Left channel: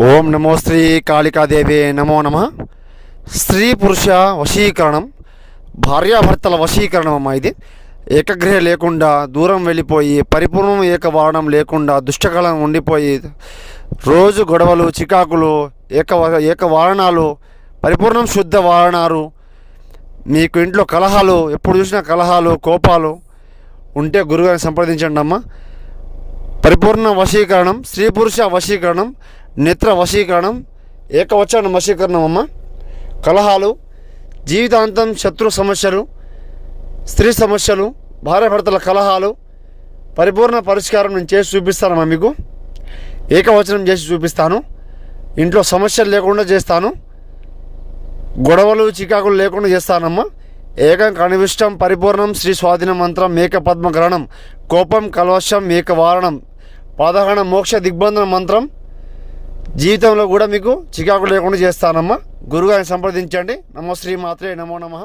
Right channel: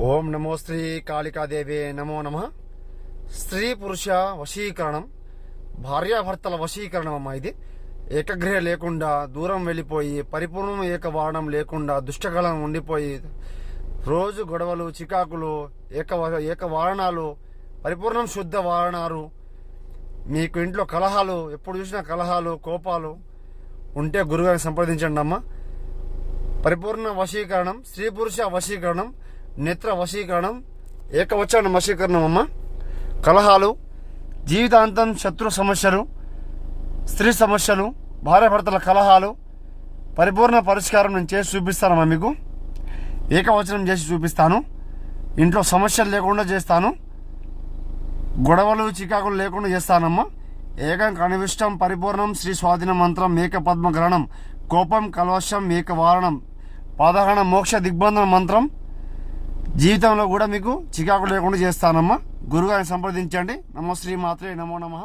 ఓం నమో శ్రీ కాళికాదేవి నమో నమ. స్త్రీ పురుష వశీకరణం, భార్యాభర్తల వశీకరణం అమ్మ. ఇది ఏకగ్రహ లేకుండా దూరం వెళ్ళిపోయి పరిపూర్ణం ఏకవారణం లేకుండా దుష్టకాలం ఉండిపోయి రోజు గొడవలు చికాకులు ఏకవారణాలు పరిపూర్ణం శుద్ధ వారణాలు, మీకు ఇంట్లో కలహాలు ఎప్పుడు చూసినా కలహాలు కోపాలు ఉంటే గురుగారిని సంప్రదించండి అమ్మ. పరిపూర్ణ వశీకరణం, స్త్రీ పురుష వశీకరణం, నేత్ర వశీకరణం, ఏకవచన వశీకరణం అమ్మ. కలహాలు, జీవితాంతం శత్రు సమస్యలు, స్త్రీ సమస్యలు, భార్యాభర్తల కలహాలు పరిపూర్ణ పరిష్కారం నేను చేసి చూపిస్తానమ్మా. మీకు ఏకవచనం చేసి చూపిస్తాను. ఇంట్లో సమస్యలు లేకుండా చేస్తాను. గొడవలు చికాకులు లేకుండా చేస్తానమ్మా. ఏకం కనివిష్టం పరిపూర్ణం శ్రీ స్వాధీన మంత్రం ఏక పద్మగ్రహణం కోపం కల్వశం ఏక వారణం పాదహరణ మోక్ష దిగ్బంధన మంత్రం జీవితంలో కూడా మీకు చికాకు లేకుండా చేస్తానమ్మా. గురుగారిని సంప్రదించండి. నమో శ్రీ మాత్రే నమో నమః.